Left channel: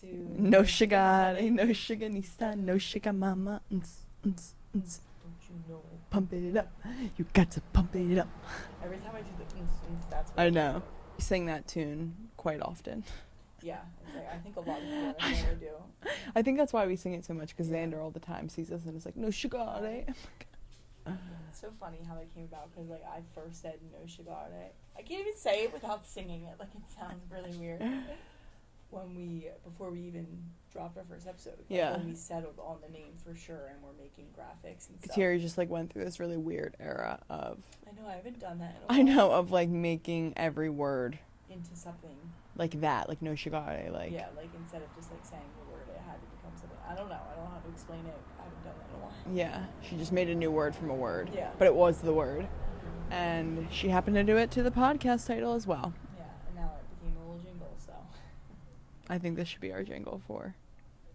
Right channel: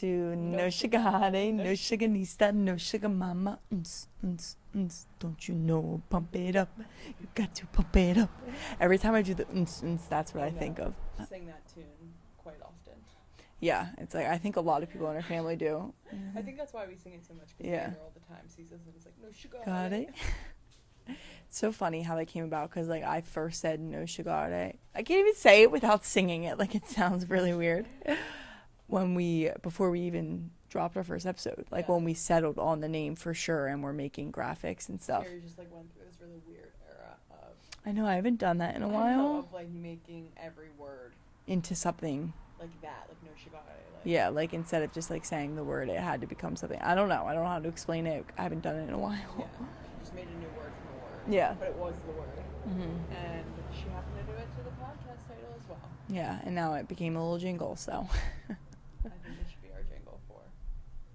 to No Sugar Honey, No Sugar Nista, No Sugar Mama. Don't you know? Pump it up. You got to pump it up. Every time I do the that's what I think of. I sing that tune quite often. Yeah, it's like I think a lot of people in our family do. I think that's why we sing it so much, because Xander all the time sees us and is like, no sugar. It's so funny how that came about, because like I first said no sugar. I can't even say it without singing it. Like it sounds really weird. Before we even dropped our first episode, like when we settled on the name for sure, and we're making graphics and stuff. Terry just like went through this really weird era of. I know, I haven't done that in a while. I know, of like making every word into something like that, like no sugar. Like like instead of just like saying the word, it had to become something. I don't know how to explain it. I haven't done it in a while. Yeah, she just made a new word from a word. Yeah, but it was the word, and she happened to do it to the podcast title as well. Yeah, and now it became a little jingle. So I think this should be our jingle for.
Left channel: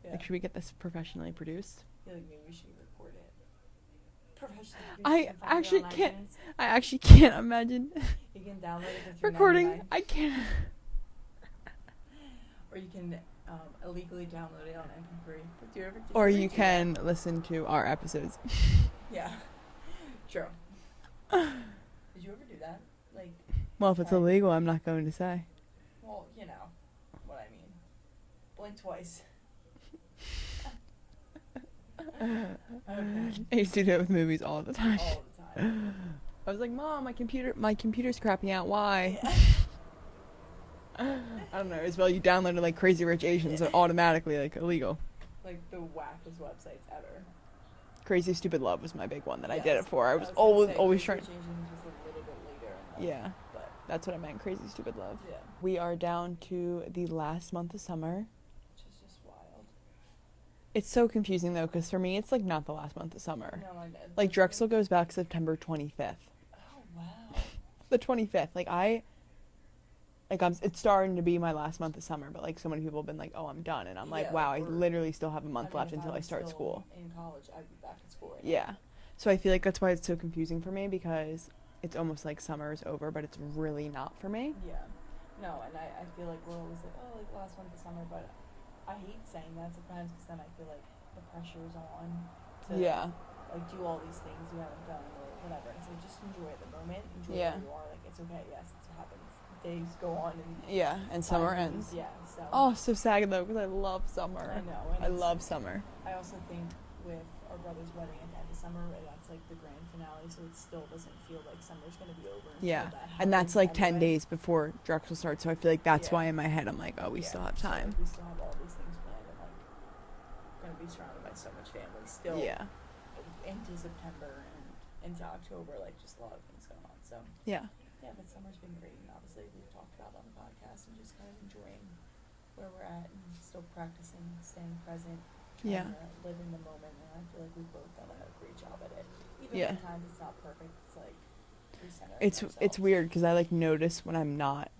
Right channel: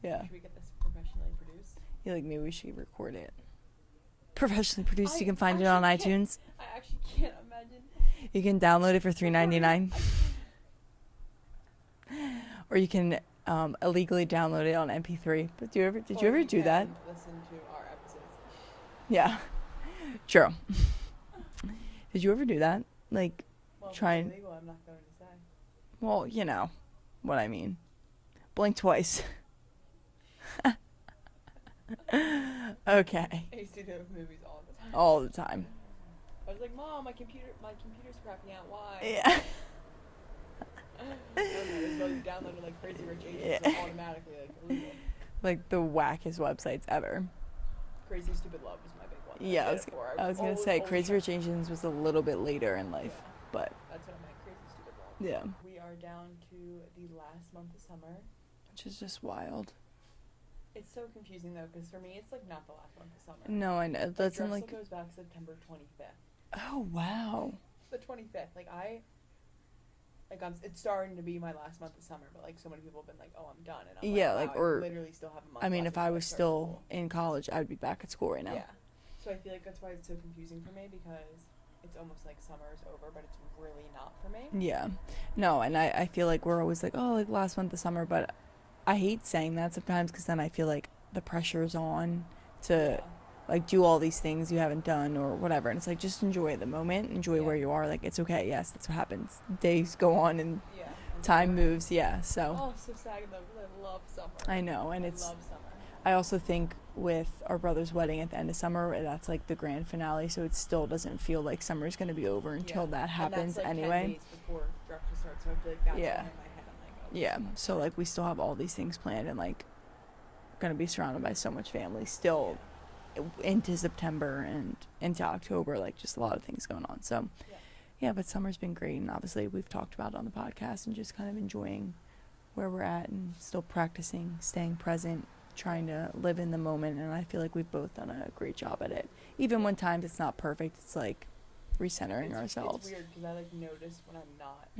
Yeah, like, should we get this professionally produced? Yeah, like maybe we should record it. Professionally produced. You can find it on iTunes. I actually can't imagine. You can download it for $3.99. I can't. Or you can illegally download it on MP3. But did you ever do that? Or you can listen to our episodes. Yeah, true. Did you ever do that? Like, well, if it's illegal, I'm not going to say. Well, you know what I mean. Blink twice. Okay. I used to do that with movies all the time. All the time. I was like, Mom, my computer's crapping out. Why? Yeah. I don't know. As well, you downloaded like Crazy Rich Asians, so automatically like illegal. Like the wackest websites ever. Crazy Stupid Love was my big one that I did it for. I was always Crazy Rich Asians was a little bit later in life. Yeah, but that's what I meant. Crazy Stupid Love. Yeah. We are down to the last month of summer, which is just wild. It's so confusing though, because for me, it's like not the last month of summer. No, I know. Like Drexel goes back September 25th. Oh wow. The 25th. It's starting to be my last month of summer, but like so many people have been like, "Oh, I'm done," and I'm like, "Wow, I literally still have a month left." I mean, if I was still in college, I would be back at school right now. Yeah. So I feel like that's why it's so confusing for me, because it's almost like summer is over, but it's really not for me. Yeah. No, and I feel like we're always like, oh, like last month of summer, but I hate saying that sometimes, because then I feel like the pressure's on to like do all these things you haven't done or whatever, and it's like just enjoy the moment, enjoy where you are. Like it's okay. Yes, that's what happens. Days go on and time moves. Yeah. So so sad though, because I love summer. I know, and I love summer. I also think with our brother's wedding at the end of summer, that's like the grand finale, so it still doesn't feel like summer's gonna be over until that happens. And that's like 10 days before Drexel starts, so I feel like that's why in my head I'm like, oh, we still have time. So like we still have all these things planned, and like gonna be surrounded by so much family still. Yeah. Into September and into October, like just a lot of things going on. So but summer's been great, and obviously we've talked about it on the podcast, and just kind of enjoying where we're at and still practicing staying present, trying to live in the moment, and I feel like we've both done a great job at it. Even when times it's not perfect, it's like recentering ourselves. It's weird, because I like notice when I'm not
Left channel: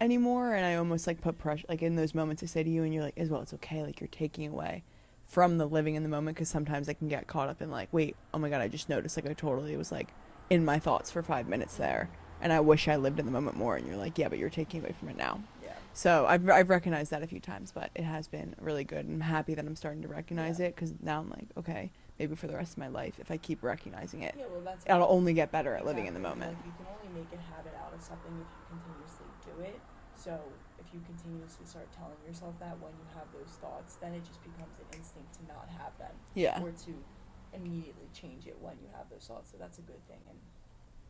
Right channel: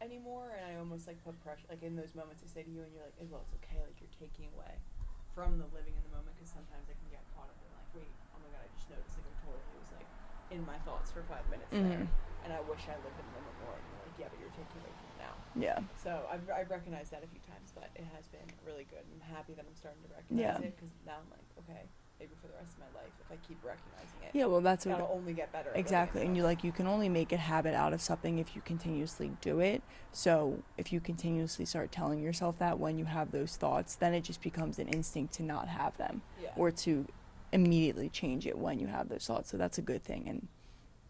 anymore, and I almost like put pressure, like in those moments I say to you, and you're like, Isabel, it's okay, like you're taking away from the living in the moment, because sometimes I can get caught up in like, wait, oh my god, I just noticed, like I totally was like in my thoughts for 5 minutes there, and I wish I lived in the moment more, and you're like, yeah, but you're taking away from it now. Yeah. So I've recognized that a few times, but it has been really good, and I'm happy that I'm starting to recognize it, because now I'm like, okay, maybe for the rest of my life, if I keep recognizing it, that'll only get better at living in the moment. And you're like, you can only make a habit out of something if you continuously do it. So if you continuously start telling yourself that when you have those thoughts, then it just becomes an instinct to not have them. Yeah. Or to immediately change it when you have those thoughts. So that's a good thing, and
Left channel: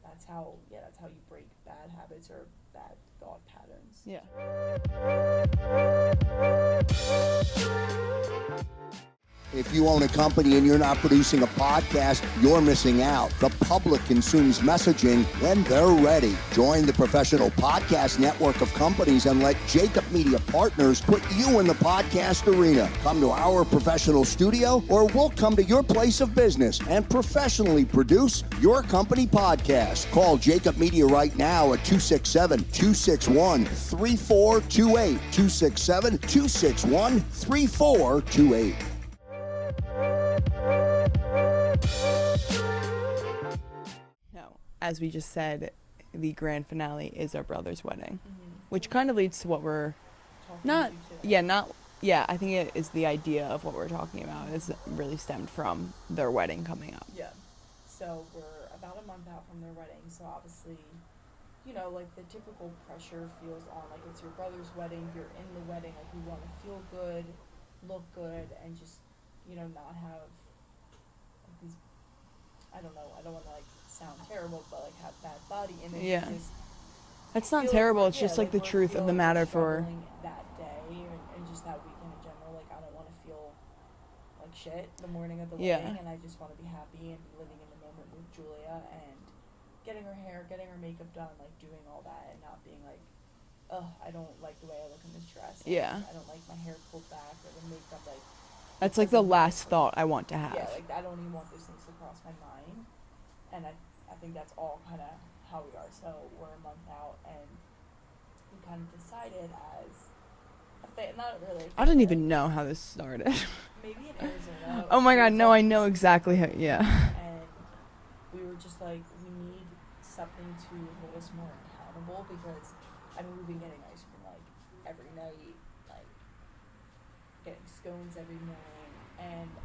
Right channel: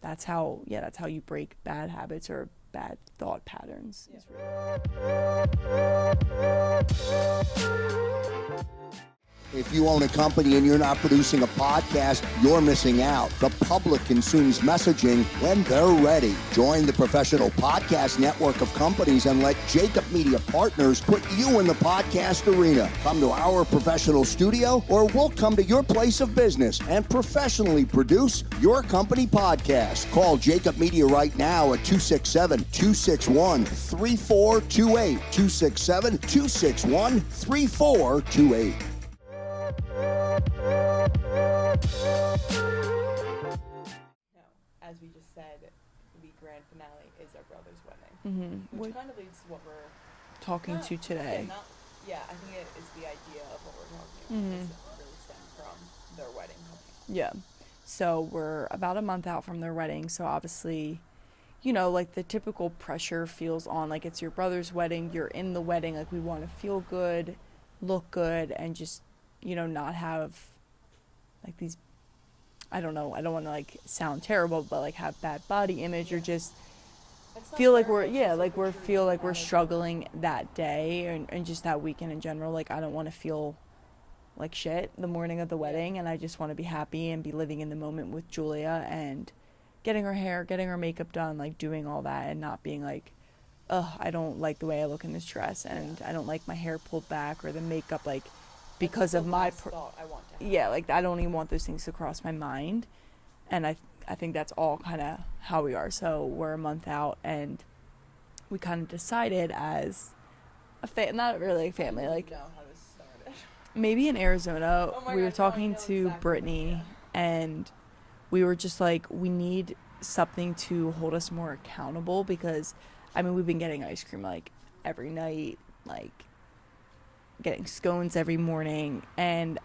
that's how you break bad habits or bad thought patterns. Yeah. If you own a company and you're not producing a podcast, you're missing out. The public consumes messaging when they're ready. Join the professional podcast network of companies and let Jacob Media Partners put you in the podcast arena. Come to our professional studio, or we'll come to your place of business and professionally produce your company podcast. Call Jacob Media right now at 267-261-3428. 267-261-3428. As we just said, the grand finale is our brother's wedding, which kind of leads to what we're talking to today. Yeah, not Yeah, I think it is the idea of what we're talking about is really stemmed from their wedding coming up. Yeah. So we're about a month out from their wedding. So obviously, you know, like the typical pressure feels on, like it's your brother's wedding, you're in the wedding, like we want to feel good, look good, and just, you know, not have like these, I don't know, I don't want to like sound terrible, but like have bad body image or just that's not feel terrible. like It's just like the truth feel of the like matter we're struggling that day and just that weekend in general. Like I don't want to feel like shit the morning of the wedding, and I just want to be happy and be living in the moment with Julia and getting her hair, getting her makeup done, like doing all that and not being like, ugh, I don't like the way I look in this dress, and I don't like my hair pulled back or the makeup, like that's like the last thought I want to have. Yeah, like I don't even want those things to cross my mind, and I think that's all kind of how we are. So we're a month out, and we kind of decided as not really a family, I didn't even know how this started. Maybe in Arizona. Oh my God, no, I know exactly. And we were just like, we need something to hold us more accountable, because I mean, we've been getting ice cream like every night, like getting scones every morning, and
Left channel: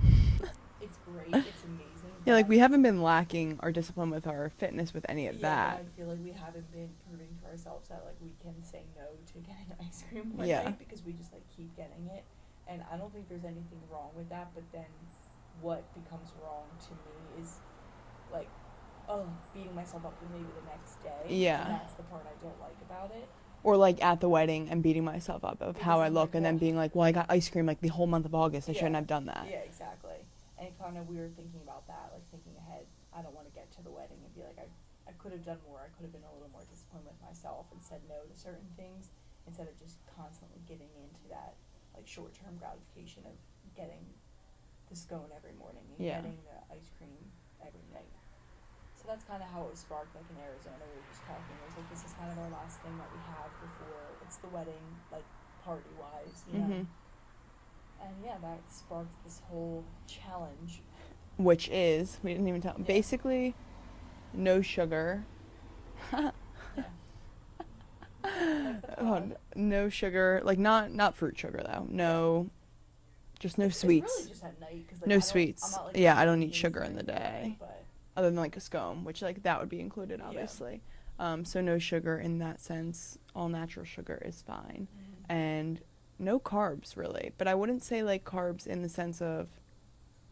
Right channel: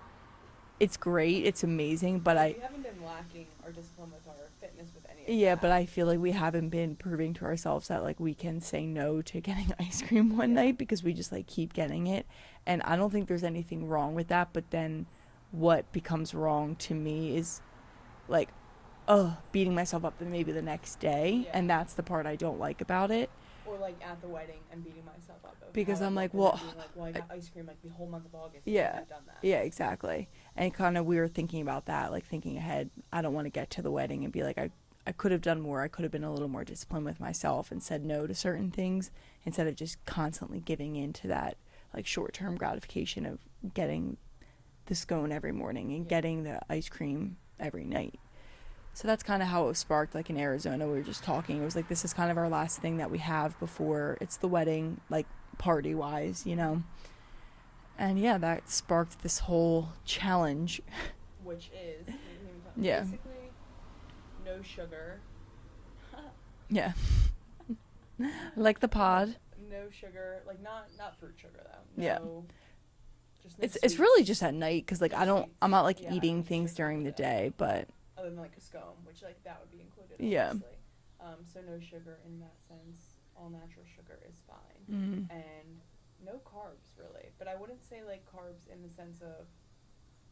it's great, it's amazing, but like we haven't been lacking our discipline with our fitness with any of that. Yeah, but I feel like we haven't been proving to ourselves that like we can say no to getting ice cream one night, because we just like keep getting it. And I don't think there's anything wrong with that, but then what becomes wrong to me is like beating myself up maybe the next day, and that's the part I don't like about it. Or like at the wedding and beating myself up of how I look, and then being like, well, I got ice cream like the whole month of August, I shouldn't have done that. Yeah, exactly. And kind of we were thinking about that, like thinking ahead. I don't want to get to the wedding and be like, I could have done more. I could have been a little more disciplined with myself and said no to certain things, instead of just constantly giving in to that like short-term gratification of getting the scone every morning and getting the ice cream every night. So that's kind of how it was sparked. Like in Arizona, we were just talking. It was like, this is kind of our last thing that we have before it's the wedding, like party-wise, you know. And yeah, that sparked this whole challenge, which is, we didn't even tell, basically no sugar. Like the pod. No sugar, like not fruit sugar though. No, just no sweets. It's really just at night, because like no sweets. I'm not like I don't need things sugar during the day, but other than like a scone, which like that would be included obviously. So no sugar in that sense. All natural sugar is fine, and no carbs really. But I wouldn't say like carbs in the sense of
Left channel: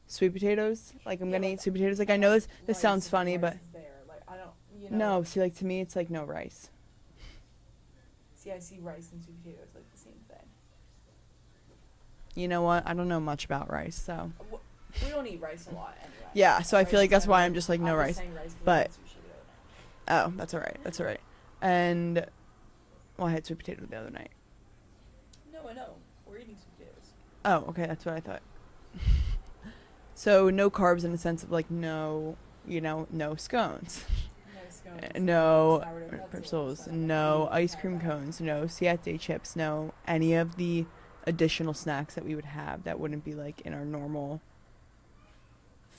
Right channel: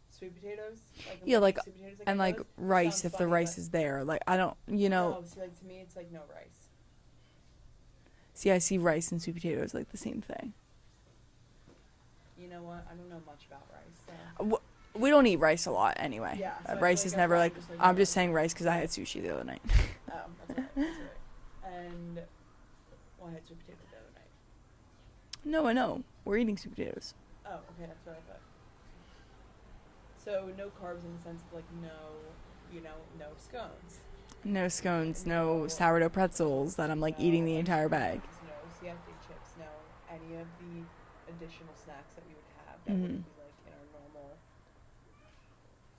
sweet potatoes. Like I'm getting sweet potatoes. Like I know like this sounds funny, the rice but is there. Like I don't, you know. No, see, like to me, it's like no rice. See, I see rice and sweet potatoes like the same thing. You know what? I don't know much about rice, so. We don't eat rice a lot anyway. Yeah, so I feel like that's why I'm just like, no rice. I'm just saying rice because I had sushi the other night. Oh, that's all right. That's all right. And, well, I had sweet potato the other night. No, I know. We're eating sweet potatoes. Oh, okay. That's what I thought. So no carbs in the sense of like no, you know, no scones. No scones, no sourdough pretzels that I'm like eating the entire bag. Cones, no siete chips, no any of the additional snacks that we would have that wouldn't be like in our normal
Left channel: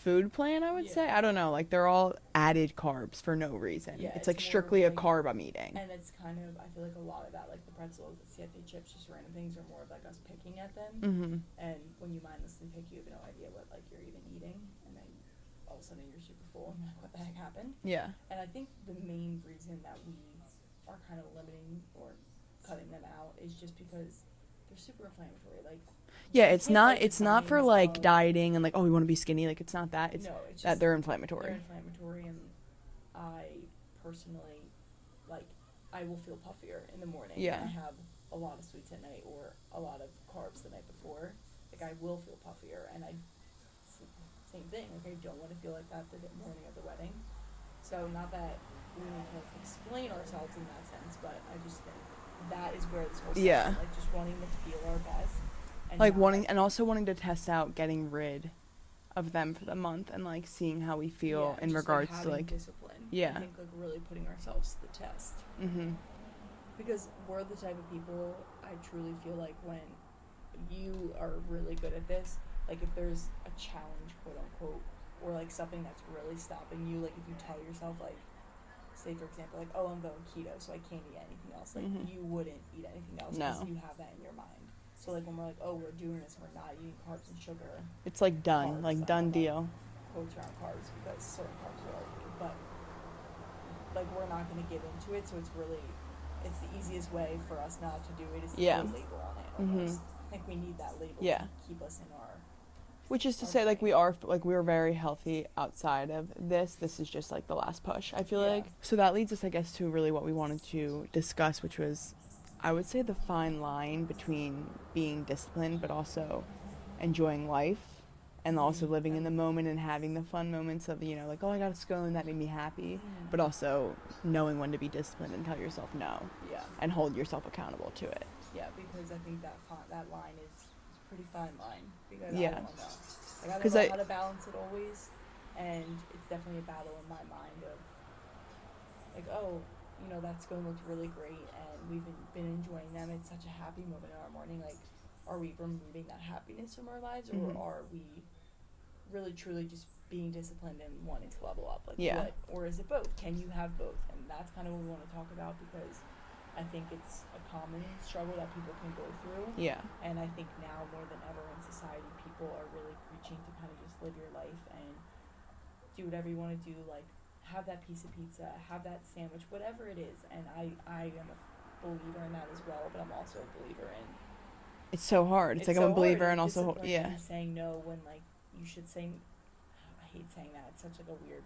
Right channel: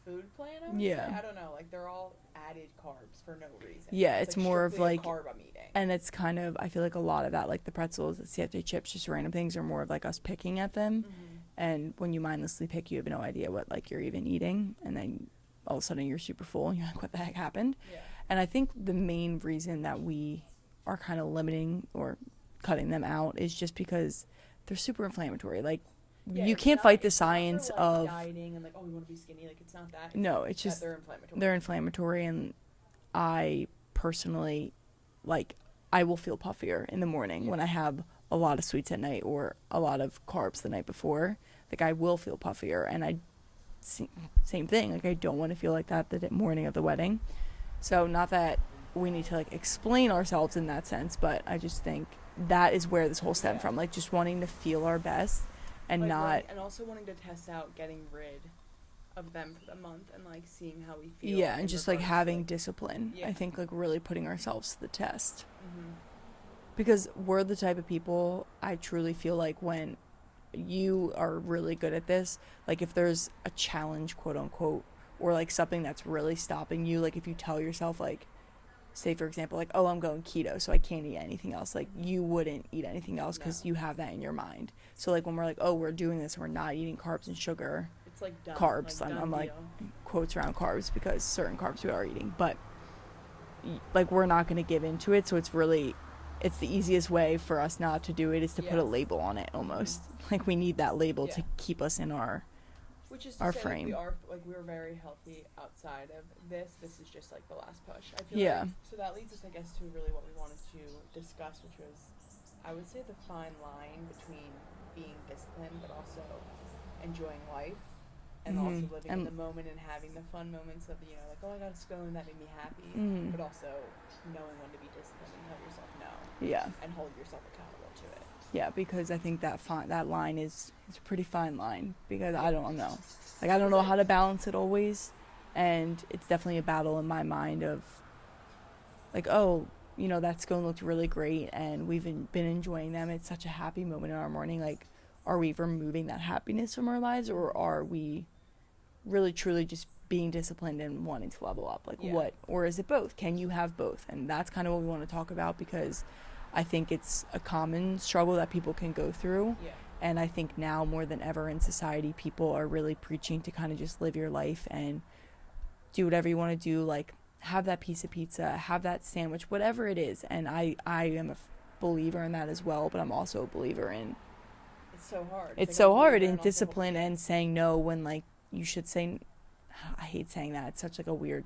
food plan, I would say. I don't know, like they're all added carbs for no reason. Yeah, it's like more strictly of like a carb I'm eating. And it's kind of, I feel like a lot of that, like the pretzels, the siete chips, just random things, are more of like us picking at them. And when you mindlessly pick, you have no idea what like you're even eating, and then all of a sudden you're super full and you're like, what the heck happened? Yeah. And I think the main reason that we are kind of limiting or cutting them out is just because they're super inflammatory. Like, yeah, you it's can't not, fight the it's not for like of dieting and like, oh, we want to be skinny. Like, it's not that. It's no, it's just that they're inflammatory. They're inflammatory, and I personally, like, I will feel puffier in the morning when I have a lot of sweets at night or a lot of carbs the night before. Like, I will feel puffier, and same thing. Like, I don't want to feel like that the morning of the wedding. So, not that we need to like explain ourselves in that sense, but I just think that is where this whole stemmed from. Like, just wanting to feel our best. And like wanting, and also wanting to test out getting rid of them for the month and like seeing how we feel. Yeah, and just like having like, discipline. Yeah, I think like really putting ourselves to the test. Because we're the type of people, I truly feel like when you are really good at this, like if there's a challenge, quote unquote, or like something that's really stopping you, like if you tell yourself like, say for example, like, oh, I'm going keto, so I can't eat anything else, like you wouldn't eat anything else because you have that in your mind. So like when we're like, oh, we're doing this, we're not eating carbs and sugar. It's like done, carbs, like done deal. Like, quotes around carbs because certain carbs we are eating, but like we're not going to give into it. So it's the easiest way for us not to do it is to put a label on it almost. Like we need that label to keep us in our which is to say frame. we're very healthy outside of this. This is just like the last push, I feel like. So that leads us, I guess, to really what we wanted to discuss, which was, I would say, the fine line between being disciplined but also enjoying life and also living in the moment and having the fun moments of, you know, like, oh, I got to go and that made me happy, but also knowing when to be disciplined and tell yourself no. Yeah. And hold yourself accountable to it. Yeah, because I think that line is a pretty fine line because I don't know. Like, I don't know how to balance it always, and it's definitely a battle in my mind of, like, oh, you know, that scone looked really great, and we've been enjoying them. It's such a happy moment in our morning. Like, are we removing that happiness from our lives, or are we really, truly just being disciplined and wanting to level up? Like, what? Or is it both? Can you have both? And that's kind of what we want to talk about because I think it's a common struggle that people can go through. Yeah. And I think now more than ever in society, people are really preaching to kind of just live your life and do whatever you want to do. Like, have that piece of pizza, have that sandwich, whatever it is. And I am a believer in that as well, but I'm also a believer in... It's so hard. It's like so hard in discipline and saying no when, like, you should say... I hate saying that. It's such, like, a weird...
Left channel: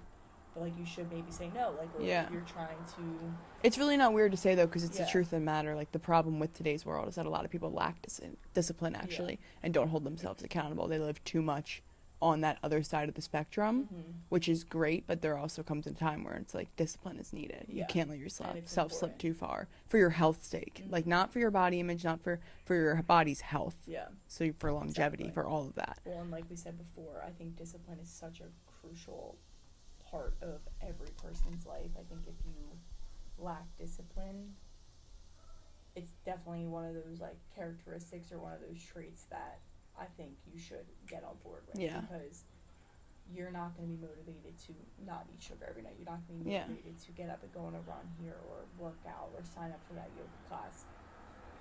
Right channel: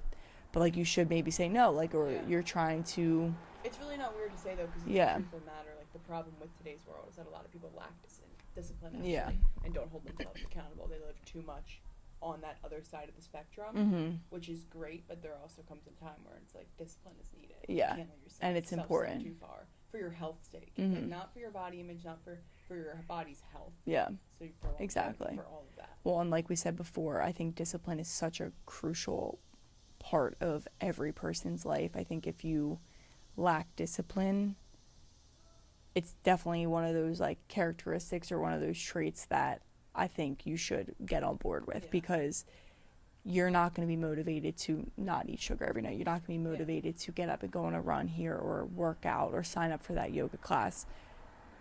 But, like, you should maybe say no, like, or you're trying to... It's really not weird to say, though, because it's the truth of the matter. Like, the problem with today's world is that a lot of people lack discipline, actually, and don't hold themselves accountable. They live too much on that other side of the spectrum, which is great, but there also comes a time where it's, like, discipline is needed. You can't let yourself slip too far for your health's sake. Like, not for your body image, not for your body's health. Yeah. So for longevity, for all of that. Well, and like we said before, I think discipline is such a crucial part of every person's life. I think if you lack discipline, it's definitely one of those like characteristics or one of those traits that I think you should get on board with because you're not going to be motivated to not eat sugar every night. You're not going to be motivated to get up and go on a run here or work out or sign up for that yoga class.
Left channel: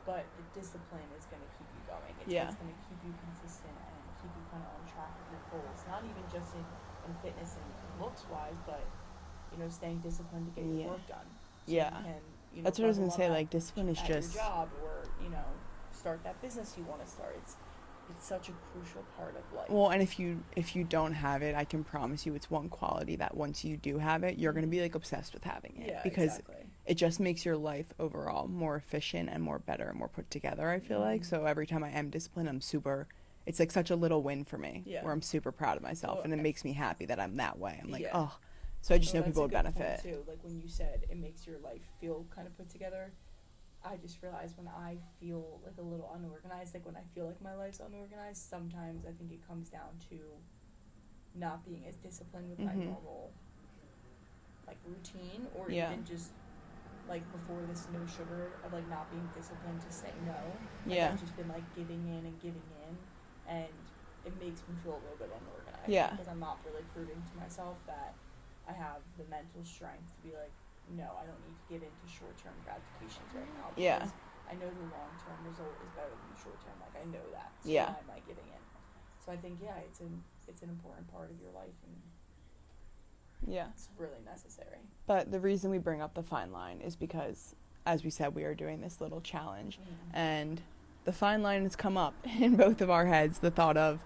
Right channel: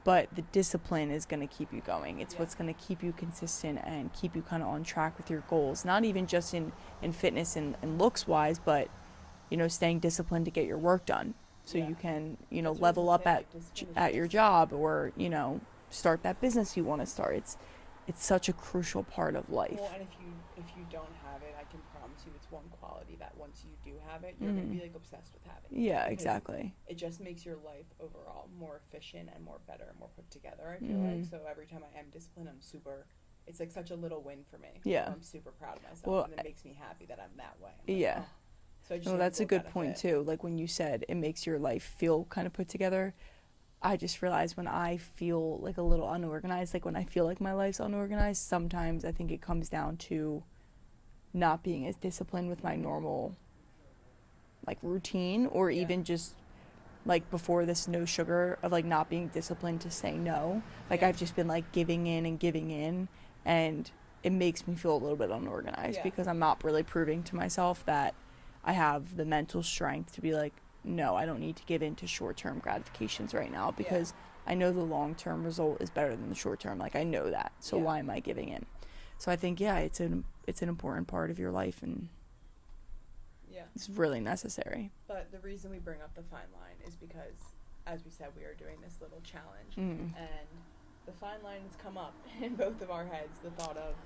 But the discipline is going to keep you going. It's what's going to keep you consistent and keep you kind of on track with your goals. Not even just in fitness and looks-wise, but, you know, staying disciplined to get your work done. So you can, you know, level up at your job or, you know, start that business you want to start. It's such a crucial part of life. Well, and if you don't have it, I can promise you it's one quality that once you do have it, you're going to be like obsessed with having it. Yeah, exactly. It just makes your life overall more efficient and more better and more put together, I feel like. So every time I am disciplined, it's like such a little win for me. Yeah. Where I'm super proud of myself and it makes me happy that I'm that way. I'm like, oh. So I just know that's a good benefit. point too. Like when you said it makes your life feel kind of put together, I just realized when I feel like a little unorganized, like when I feel like my life's unorganized, sometimes I think it comes down to not being as disciplined with my normal like routine or even just like before this no sugar of like not being disciplined to say no. Like I've just been like giving in and it makes me feel a little bit unorganized because I'm not really proving to myself that I have the mental strength to be like, no, I don't need to give in to short-term gratifications right now because I know the long-term result is better than the short-term. Like, I know that. So why am I giving in? So I think, it's an important part of your life and it's really necessary. But the reason we bring up the fine line is because, as we said, we are doing this little challenge. And the fine line has come up in both of our heads, the thought of,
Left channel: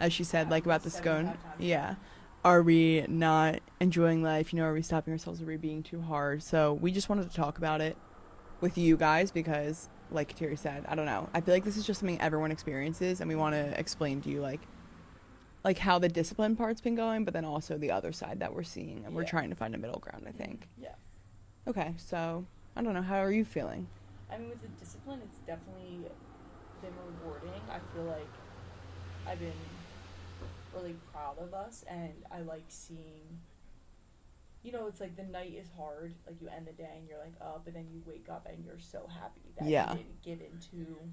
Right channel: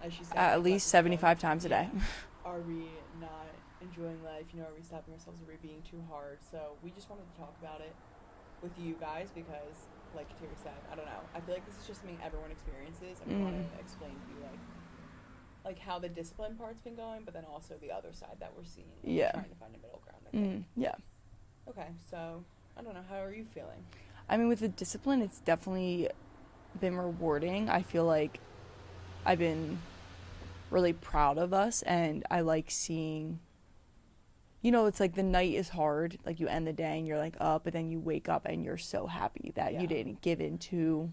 as she said, like at least 75 times a day. Are we not enjoying life? You know, are we stopping ourselves? Are we being too hard? So we just wanted to talk about it with you guys because, like Terry said, I don't know. I feel like this is just something everyone experiences, and we want to explain to you, like how the discipline part's been going, but then also the other side that we're seeing, and we're trying to find a middle ground, I think. Yeah. Okay, so, I don't know. How are you feeling? I mean, with the discipline, it's definitely been rewarding. I feel like I've been really proud of us, and I like seeing, you know, it's like the night is hard, like you end the day and you're like up, but then you wake up and you're so happy that you didn't give into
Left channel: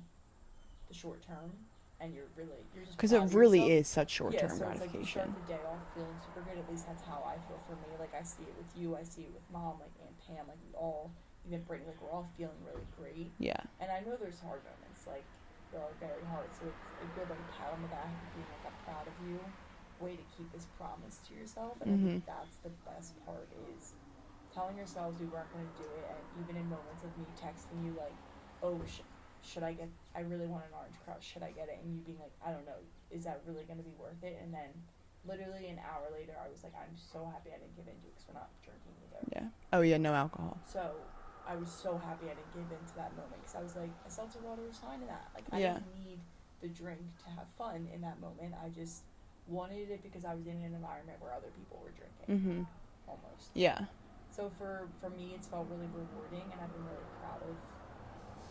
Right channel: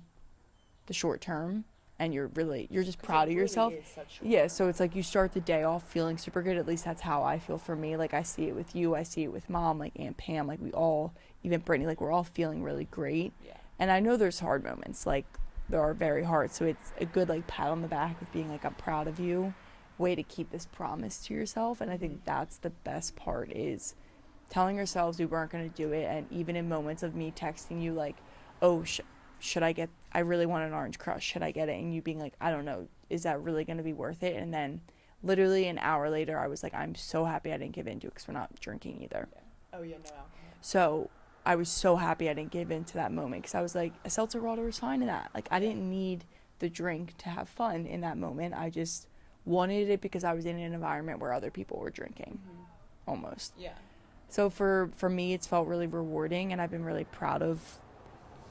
the short term, and you're just proud of yourself. Because it really is such short term. Yeah, so it's like you start the day off feeling super good. At least that's how I feel for me. Like I see it with you, I see it with Mom, like Aunt Pam, like we all, even Brittany, like we're all feeling really great. Yeah. And I know there's hard moments, like are very hard. So it's a good like pat on the back of being like, I'm proud of you, way to keep this promise to yourself. And I think that's the best part, is telling ourselves we weren't going to do it. And even in moments of me texting you like, oh, should I get, I really want an Orange Crush, should I get it? And you being like, I don't know, is that really going to be worth it? And then literally an hour later, I was like, I'm so happy I didn't give in to it, because we're not drinking either. Yeah. Oh, yeah, no alcohol. So I was so happy I didn't give in to that moment, because I was like, a seltzer water was fine in that. Like, I didn't need the drink to have fun in that moment. I just wanted it because I was in an environment where other people were drinking, almost. Yeah. So for me, it's felt really rewarding, and I've been really proud of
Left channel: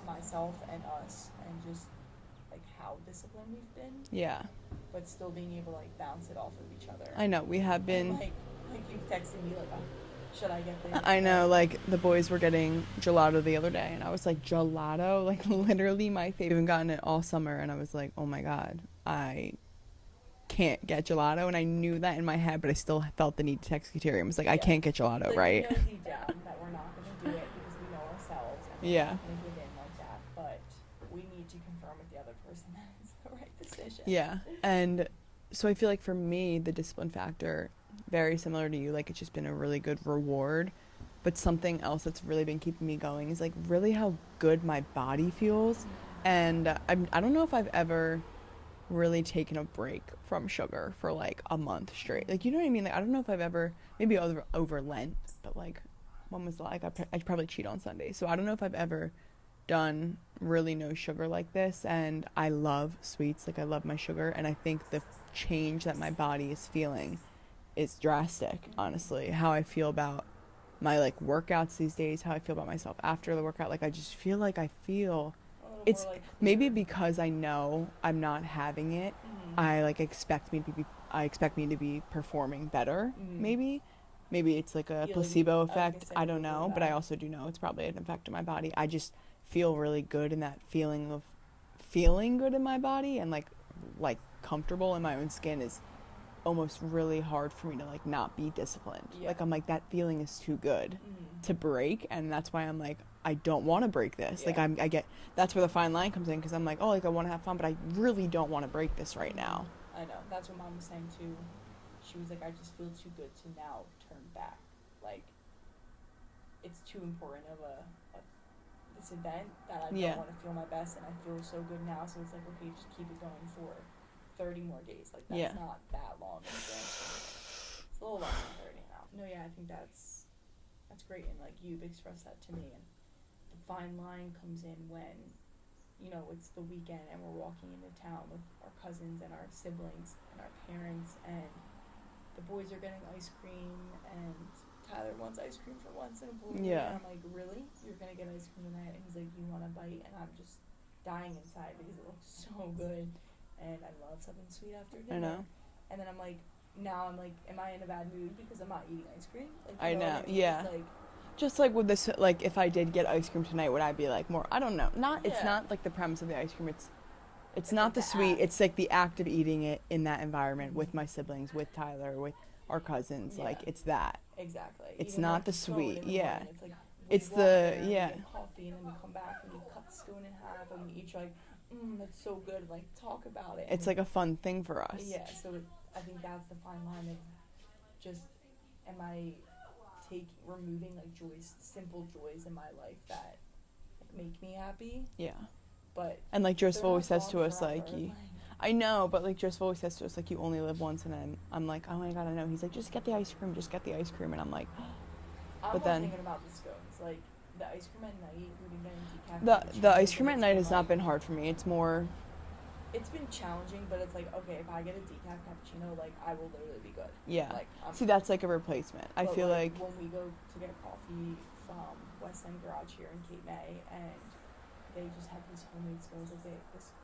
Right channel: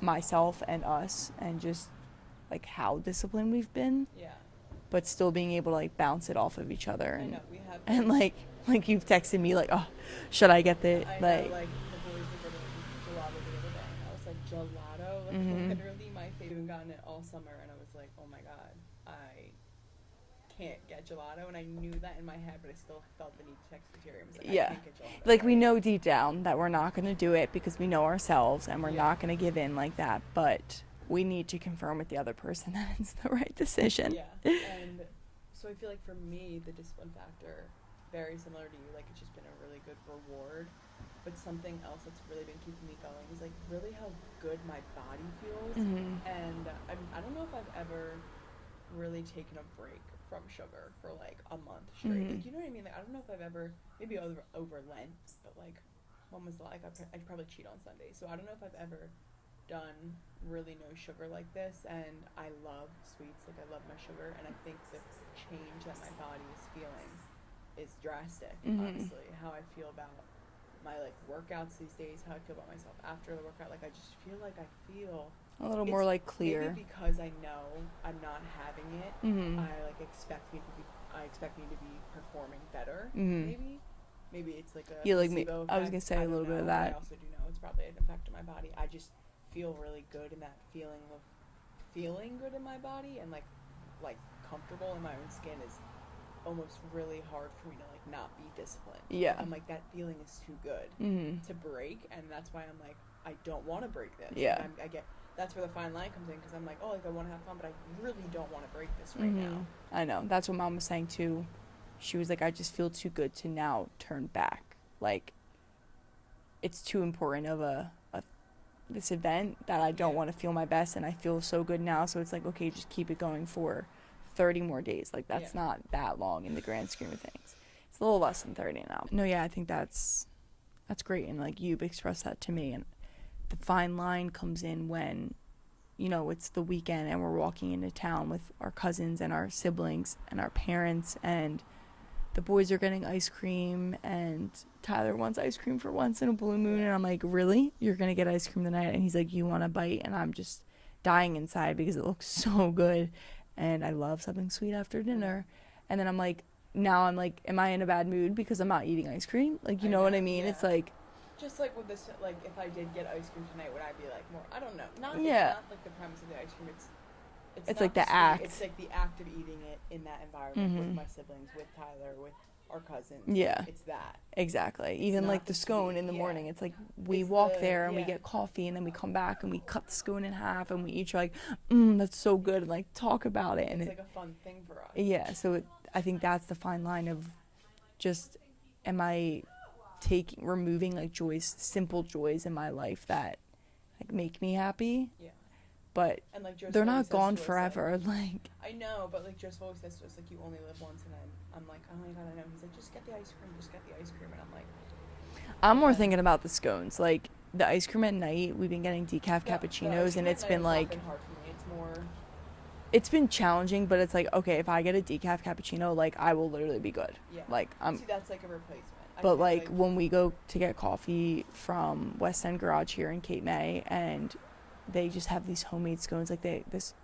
myself and us, and just like how disciplined we've been. Yeah. But still being able to like bounce it off of each other. I know, we have been. And like you've texted me like, oh, should I get the? I know, like the boys were getting gelato the other day, and I was like, gelato, like literally my favorite. I haven't gotten it all summer, and I was like, oh my god, I can't get gelato, and I knew that in my head, but I still felt the need to text Kateria. I was like, I can't get gelato, like, right? we know deep down that we're not going to do it, because we know ourselves, and we're not going to give in like that, but we need to confirm with the other person that it's the right decision. Yeah. And so I feel like for me, the discipline factor, very similar to you, like it's just been a really good reward. But something else that's really been keeping me going is like really how good my body feels. And I don't know if I've ever really taken a break from sugar for like a month straight. Like, you know what I mean? Like, I don't know if I've ever, maybe over Lent, but like, when was like, I probably cheat on Sunday. So I don't know if I've ever done really no sugar like this. And I love sweets, like I love my sugar, and I think the change that my body is feeling is drastic. Honestly, how I feel about my like workouts these days, how I feel about myself after the workout, like I just feel like I feel a little more like clear. Maybe because I know I'm not having it, I like expect me to be performing better. Maybe it's like a placebo effect, I don't know, but I also do know it's probably an effect of my body. I just feel really good in that feeling of feeling good in my body, and like comfortable in my own skin is almost really hard for me to like not be disciplined. Like, I'm like, that feeling is too good to break, and that's why I'm like, I don't want to break this. Like I get, that's where the fine line comes in, because I'm like, oh, like I want to have fun, but I really don't want to break this right now. I know, that's what Mom was saying too. She was like, I just feel too good to now turn back. Like, it's too important of this event that I don't want to feel my best, and I feel so good now, so it's like, okay, just keep it going for 30 more days. Like, that's not that long in the grand scheme of things. It's a little less than 30 now. No, yeah, I think that's great, and like you've expressed that to me. And the fine line comes in when, you know, it's the weekend and we're walking into town with our cousins and our siblings and our parents, and the boys are getting ice cream, and Tyler wants ice cream for once in a blue moon, and I'm like, really? You're gonna get ice cream tonight? And he's like, you want a bite? And I'm just dying inside because it looks so good, and I love something sweet after dinner. And then I'm like, now I'm like, am I in a bad mood because I'm not eating ice cream? Like, you know what I mean? It's like, just like with this, like if I did get ice cream tonight, would I be like more, I don't know, it's not like the premise of the ice cream, it's not like the sweet act. It's like the act of eating it in that environment with my siblings, with Tyler, with our cousins. Like, it's that. Exactly. It's even not like the scone in the morning. It's like we walk there and we get coffee, and then we come back and we cut the scone in half, and we each are like, that's so good, and like talk about it. And it's like a fun thing for us. Yeah. So I think that's the fine line of just, am I removing like simple joys in my life that like make me happy? Yeah. But and like Joseph they're not always says gone to forever. Us, like, I know, but like Joseph always says to us, like, you only live once, and then I'm like, oh my god, I know. He's like, just get the ice cream, and I'm like, I'm more thinking about the scones, like the ice cream at night. We've been getting decaf cappuccinos, the ice cream and at night has not been hard for me. It's more, it's been challenging, but it's like, okay, if I get a decaf cappuccino, like I will literally be good. Yeah. Like see, that's like a replacement. But I feel like when we go to get coffee from West End Garage here in Cape May, and they just have these homemade scones. Like this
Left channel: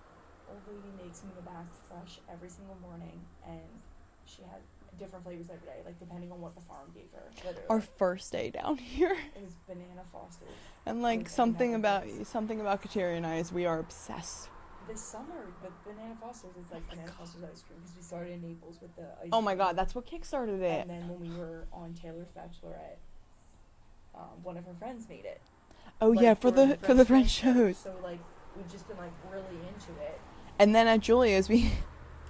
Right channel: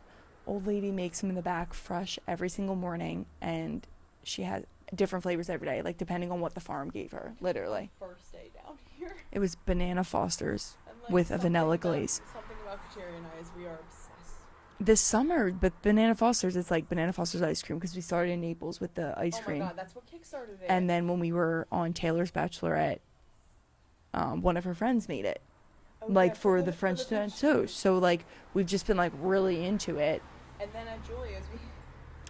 old lady makes them in the back fresh every single morning, and she has different flavors every day, like depending on what the farm gave her. Literally, our first day down here, it was banana Fosters and like with a vanilla glaze. Something about Kateria and I is we are obsessed. This summer, but banana Fosters, it's like banana Fosters ice cream, because we started in Naples with the ice cream. Oh my god, that's what kickstarted it. And then when we were on Taylor's Bachelorette, one of her friends made it. Oh, like, yeah, for the French toast. So like we've just been like really into it. And then at Julia's, we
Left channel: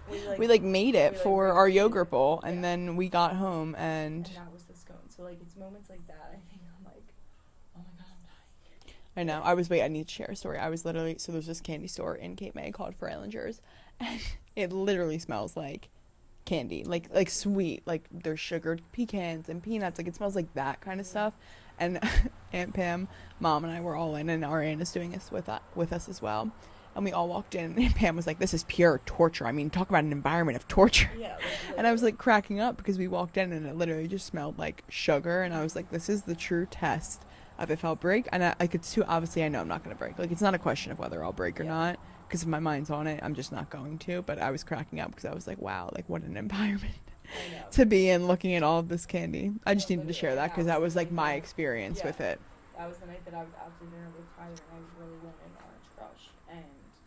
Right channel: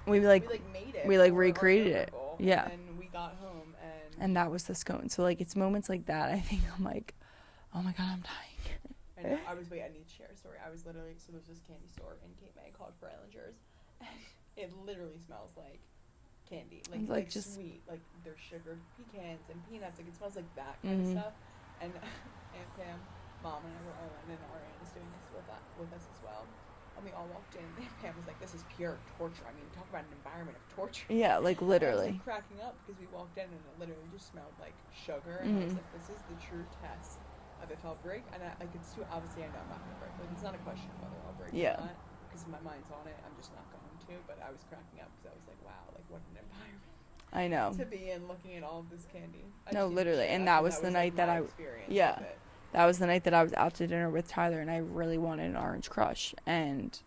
made it for our yogurt bowl, and then we got home and that was the scone. So like it's moments like that I think I'm like, oh my god, I'm dying. I know. I need to share a story. I was literally, so there's this candy store in Cape May called Frailinger's, and it literally smells like candy, like sweet, like there's sugared pecans and peanuts, like it smells like that kind of stuff. And Aunt Pam, Mom, and I were all in, and our aunt is doing this with us as well. And we all walked in, and Pam was like, this is pure torture. I mean, talk about an environment of torture. Yeah, like literally. And I was like cracking up because we walked in, and it literally just smelled like sugar. And I was like, this is the true test of if I'll break. And I could too, obviously, I know I'm not going to break. Like, it's not a question of whether I'll break or not. Because if my mind's on it, I'm just not going to. But I was cracking up because I was like, wow, like what an environment. I know. To be in looking at all of this candy. I just needed to share that because that was like my experience with it. That was the night that I was out to dinner with Tyler, and I really wanted an Orange Crush. And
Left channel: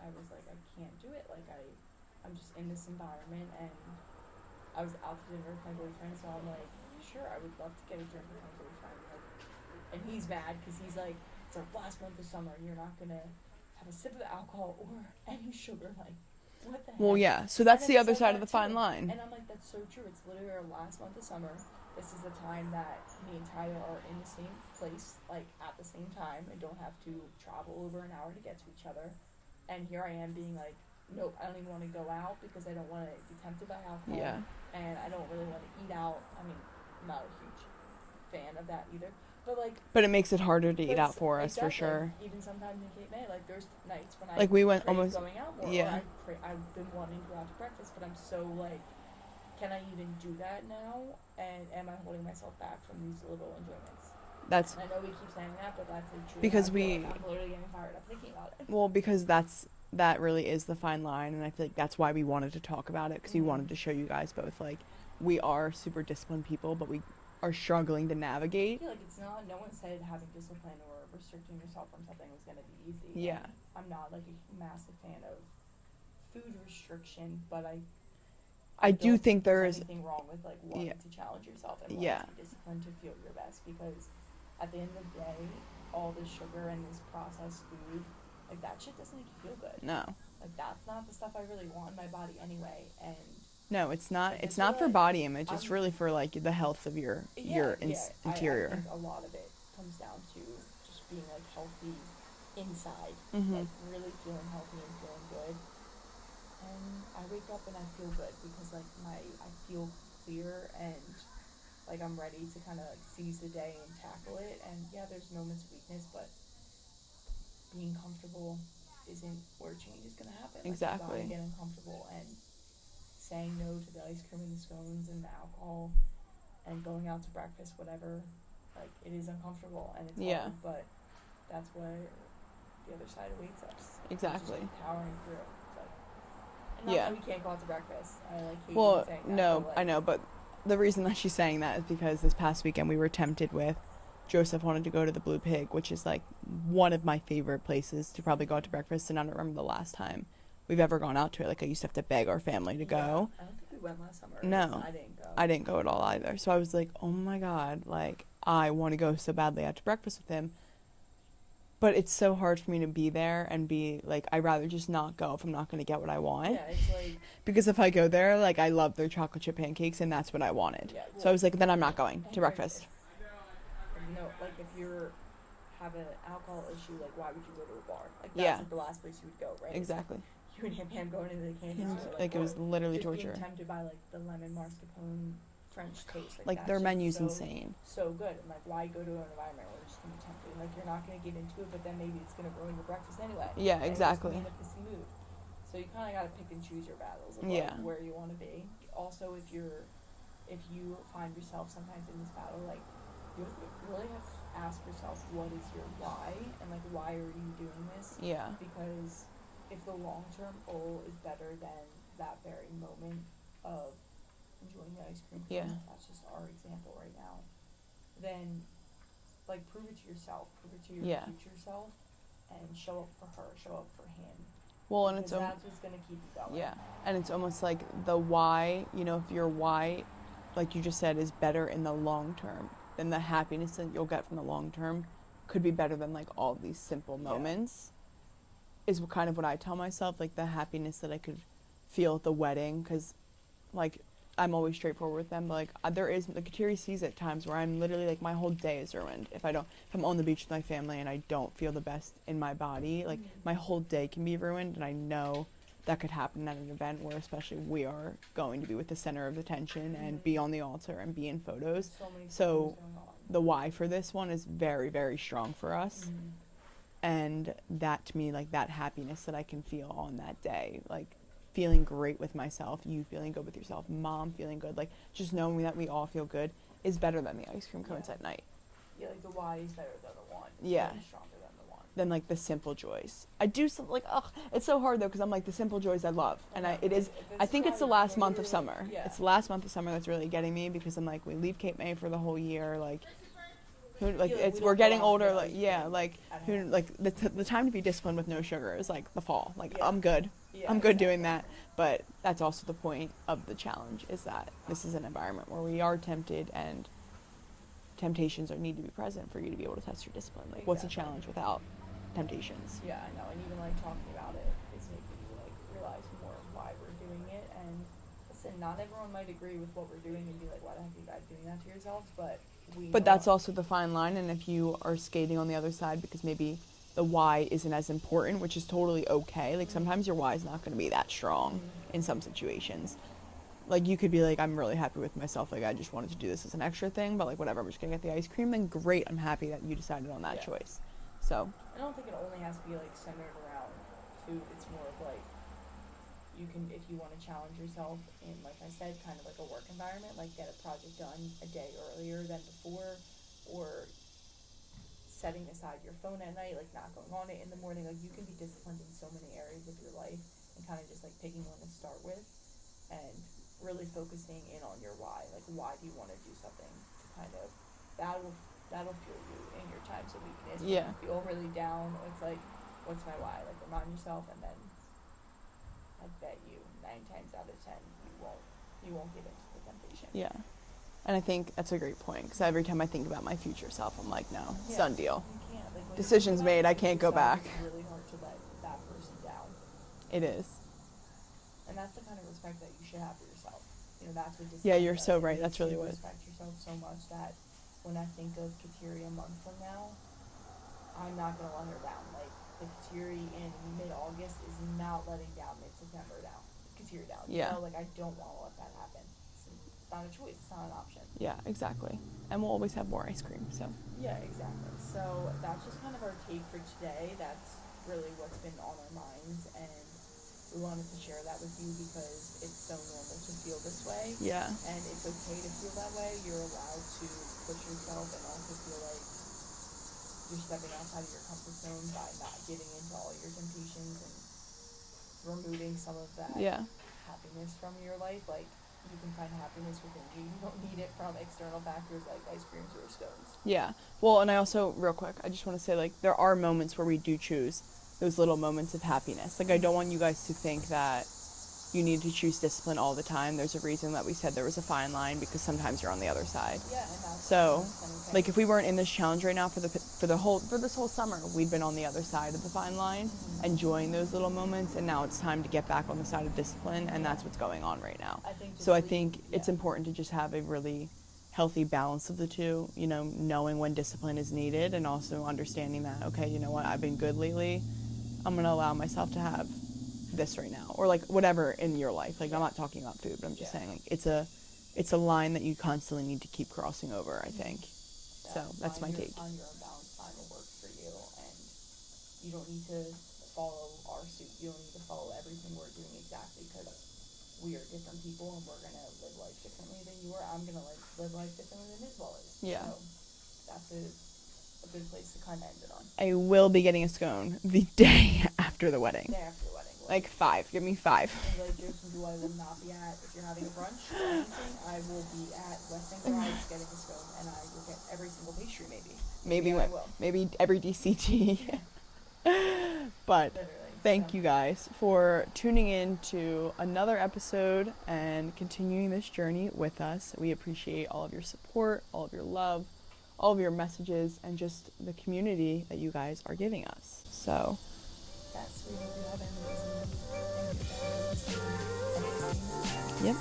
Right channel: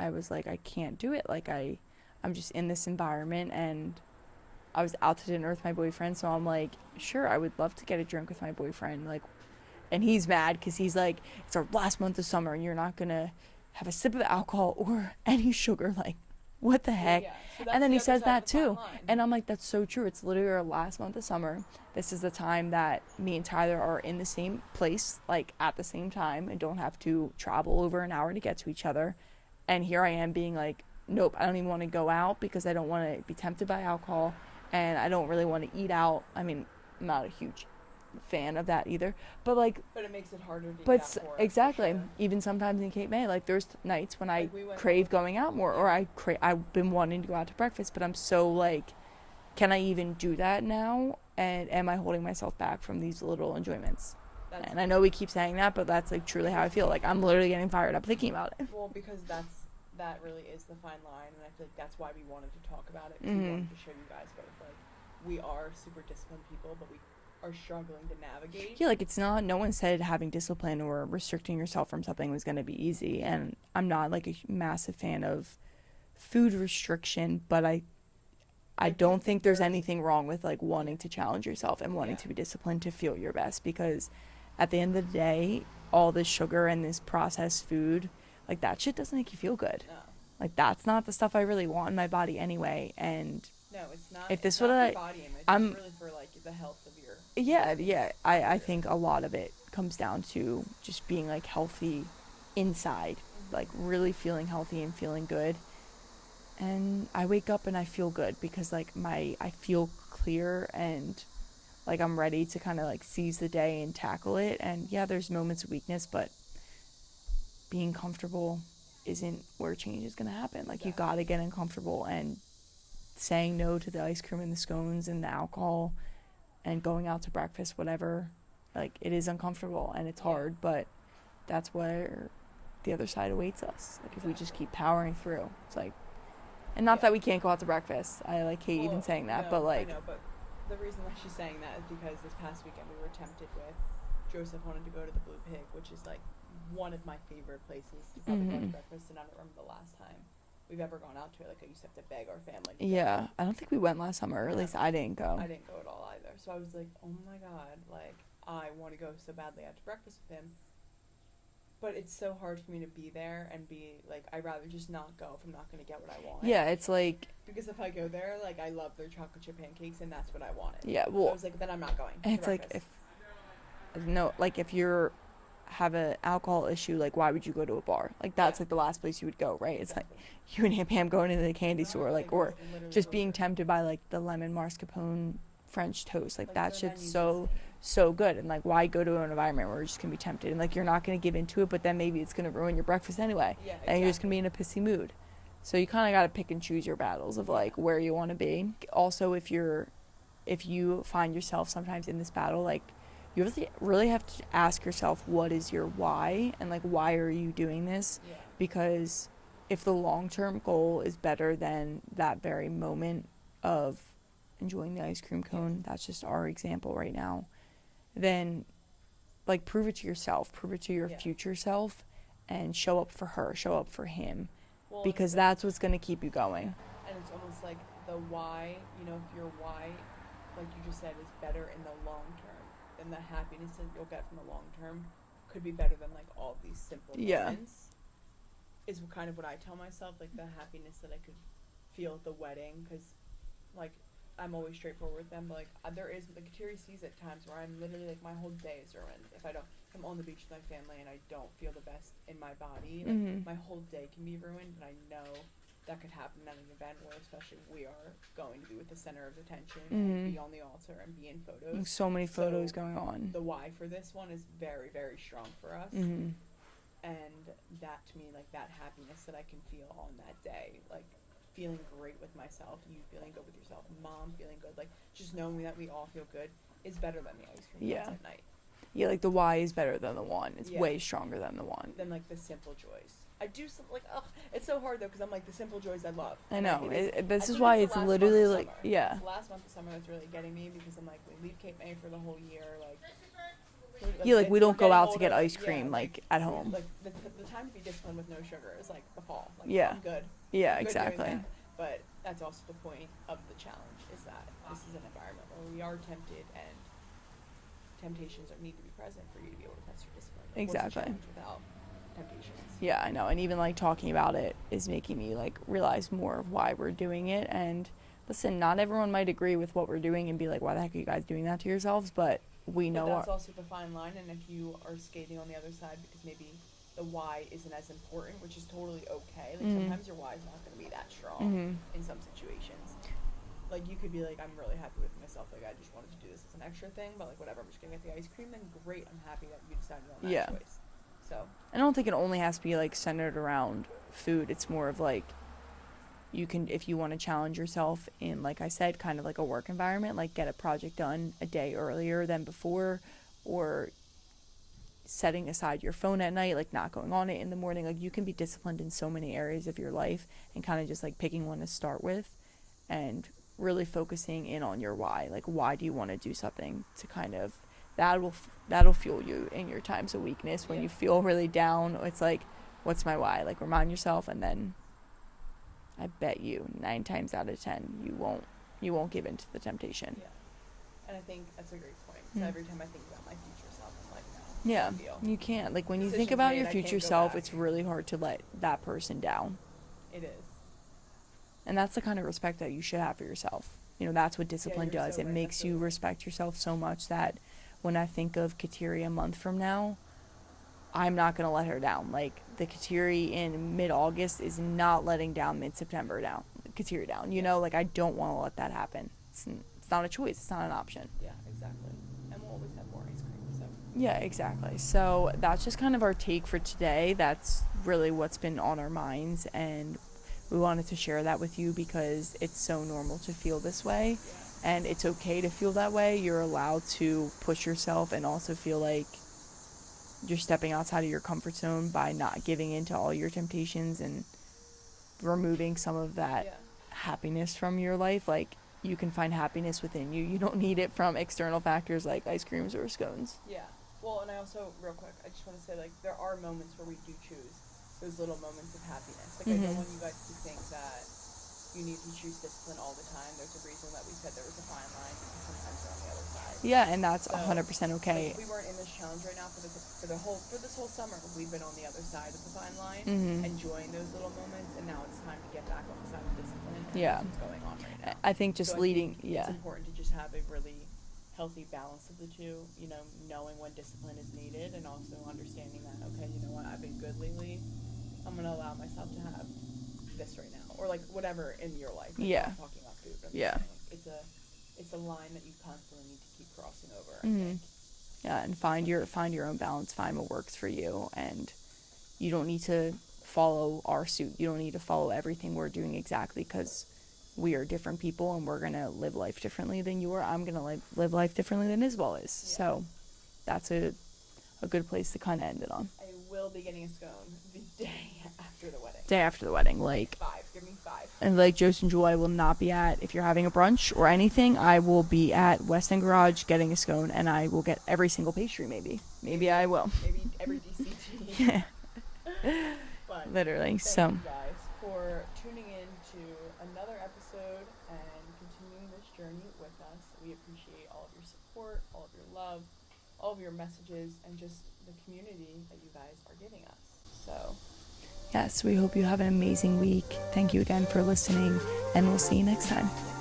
I was like, I can't do it. Like, I'm just in this environment, and I was out to dinner with my boyfriend, so I'm like, sure, I would love to get a drink with my boyfriend. Like, and he's mad because he's like, it's our last month of summer, and you're not going to have a sip of alcohol or any sugar. Like, what the heck? Well, yeah, so that's the other side of the fine line. And I'm like, that's so true. It's literally our last month of summer. This is the time that me and Tyler are in the same place, like, at the same time, and don't have to travel over an hour to get to each other. And here I am being like, nope, I don't even want to go out because I don't want to be tempted by alcohol. Yeah. And I don't really want to eat out. I mean, I'm not a huge fan of that either. But it makes it harder to eat out for us. Exactly. For sure. Even sometimes in Cape May, like there's nights when I like we crave going out more, or I've been wanting to go out to breakfast, but I'm so like, can I even do that now? And am I holding myself back from these little enjoyments? And I know we keep saying that, but that's like truly how I feel. Like I'm literally getting fired up thinking about it. Well, because that really is the fine line, and I feel like that's why we wanted to talk about it, because we wanted to show you guys both, like, we are super disciplined people, but we are struggling to navigate. Yeah, like it's not, no one said having discipline or restricting yourself from something was going to be easy. Yeah. And I'm not like a massive fan of food restriction, but I don't think there's anything wrong with like wanting to challenge yourself and wanting to be disciplined to feel your best, because at the end of the day, all this sugar and this processed food, like that shit doesn't make you feel good. No. Like that's not the stuff I really want in my body anyway. And no, it's not. It's not for body image. It's really for like the health of your I think a lot of it comes down to just being like healthy inside, like really feeling healthy and feeling good. And I wake up and I feel good because like I feel clear and like I'm ready to kind of like seize the day and tackle it. And yeah, there's moments of weakness, but being comfortable isn't where change is going to happen. Exactly. Like you got to get uncomfortable, and saying no to the ice cream and the scones and the alcohol and going out to breakfast, whatever, like it is uncomfortable and it's hard, but that's where the other side awaits us. Exactly. We just keep powering through. It's like, and not that we can't go out to breakfast. I like hate even saying that. No, but like, I know, but the reason that she's saying that is because this past weekend we were tempted with, Joseph wanted to go to the Blue Pig, which is like one of my favorite places to probably go out to breakfast, and I don't remember the last time we've ever gone out to it. Like I used to have to beg our family to go. I don't think we went last summer. No, I didn't go. I didn't go at all either. So I was like, oh my God, like I want to go so badly out to breakfast with him. But it's so hard for me to be there and be like, I'd rather just not go if I'm not going to get what I want. Yeah, it's like, because if I go there, like I love their chocolate chip pancakes and that's what I wanted. Yeah, well, so I was like, then I'm not going to breakfast. Like if you're have an alcohol issue, like why would you go to a bar? Like that's like the last place you would go, right? Exactly. It's like you and Aunt Pam going into the candy store, like or just being tempted by like the lemon mascarpone French toast, like that their menu's so good. And like why go to an environment where you're just gonna be tempted and like you're not gonna give into it, but then maybe it's gonna ruin your breakfast anyway. Yeah, exactly. And you're just gonna be in a pissy mood. So you kind of got to pick and choose your battles of like where you want to be. Also, if you find yourself sometimes in this battle, like you really have to ask yourself, what is your why, and like why are you doing this? Yeah. Because if the long-term goal is better than that very moment of enjoying the ice cream cone, that's just our example right now, then like prove it to yourself, prove it to your future self, and show up for her, show up for him. Well, because that's what's going to keep you going. Yeah. And it's almost like the why, you know, if your why, like you just said, is better in the long term, then the happiness that you'll get from the long term could be better than like all these simple moments. is kind of what I tell myself, like the happiness that I could feel at the wedding, because like I'm always straightforward with them, but like there is, like Kateri sees at times where I'm literally like my whole day is ruined if I'm on the beach with my family and I don't feel the best in my body, like my whole day can be ruined, and I know that could happen at an event where especially we are going to be with the center of attention and be on the altar and be in photos. There's so many photos going on. The why for this one is very, very strong for us. And that to me, like that happiness that I can feel on that day, like feeling great with myself, you feeling good with yourself, mom feeling good, like just knowing that we all feel good is better than the ice cream cones at night. Yeah, like the why is better than the one. It's way stronger than the one. Than like the simple joys. I do like, it's so hard though, because I'm like the simple joys I love. I know. It is. This I is think why it's the last month of like, summer. It's the last month of summer that's really getting me, because I'm like, we leave Cape May for the whole year, like we don't go out to get ice cream like at home. Like the time to be disciplined with no sugar is like the fall. Like I'm good. Yeah, I'm good doing that. But that's also the point of the challenge, is that this is an environment where we are tempted, and temptations need to be present for you to be able to test your discipline. Like, what's a challenge without temptations? Yeah, I know. And even like talking about it is making me like realize more of why we're doing it. And listen, not everyone might agree with what we're doing and be like, why the heck are you guys doing that to yourselves? But we know. But that's also the fine line. And if you are skating on the other side because maybe the why isn't as important, which is totally okay. Like sometimes your why is not going to be that strong in some situations. Like you could be like, I'm really happy with myself, like I just wanted to do this as an extra thing, but like whatever, I'm just gonna get the ice cream, then great, I'm happy that you decided on that choice. So I don't think it only has to be like centered around food. It's more of like, you can, if you want to challenge yourself in, like I said, kind of like a work environment, like get a project done a day earlier than before, or setting aside your phone at night, like not going on it in the morning. Like you can be disciplined in so many areas of your life, and kind of just like picking one to start with and really focusing in on your why. Like why do you want to do something, to kind of that'll fuel you in your times of weakness when you feel really down. It's like, what's my why? Like remind yourself, and then I bet you 9 times out of 10 you won't give in to the temptation. Yeah. And I think that's a great point, because every time I think about my future self, I'm like, no, it's done deal. You can't. Like when Decisions you think about made, your I future can't go self, back. it's really hard to let that person down. It is. And that's the kind of respect that you should have for yourself. You know, that's what discipline you're does. so It right. makes That's really you right. respect yourself so much that when I think of Kateri a month from now, I'm not going to let her down. Like, the Kateri in mid-August is not letting down mid-September down. Kateri down. You know, like, I don't want to let that happen. It's not a choice. It's not an option. Yeah, exactly. And we'll always have more ice cream, so. Yeah, exactly. So that's just kind of our take for today. That's really what's been on our minds, and we wanted to share that with you because it's so normal to feel this way. Yeah. And it's okay to feel that way. You're allowed to push yourself and also feel like you're stepping outside of your comfort zone by not giving in to all your temptations and removing some of that happiness from your life. Like, you can find happiness within you. You don't need it from external factors like ice creams or scones. Yeah. Well, and I also, real quick, I just want to say, like, there are moments where we do choose those little moments of happiness. Like, I don't want you guys to think that you need to choose discipline all the time. There's a reason that we said there was a fine line, because sometimes you're on the other side. Yeah, and that's So, 100% okay. Like, if we weren't in this challenge right now for this whole summer, we'd been on the other side of the fine line, enjoying those little moments, and now it's time to get back on the side of discipline, and that's what's going on right now. I think just I think it's important to just have a really healthy balance of the two, you know, knowing when discipline is needed, and also understanding that, okay, you know what, I've been good lately, I'm going to allow myself to have this right now, or like whatever in your life. Like, I'm not talking about food, but I'm just saying, like, it's a line that you constantly need to keep crossing over, I think. Yeah, So and find your own balance, find what works for you, and you don't need to follow our suit. You don't need to follow everything we're doing exactly, because we are different people and we're going to live life differently than you are. I'm going to live life differently than Isabel is. Yeah. So that's a good place to kind of end it on. I will be getting a scone the day after the wedding. Day after the wedding. Like 5. Give me 5. And like Joseph and Jewel, I will not be at, if you're having a brunch or anything, I will be at West End Garage getting a scone, and I will get every single pastry maybe. Maybe I will. Maybe every DCT. But literally. Thank you guys for tuning in to another episode and continuing this journey with us. We appreciate all of your support, all of your love, all of your messages, and just the community that you guys are giving us. So Yes, we hope you have an amazing week. Thank you again for listening, and we'll see you next time. Yep.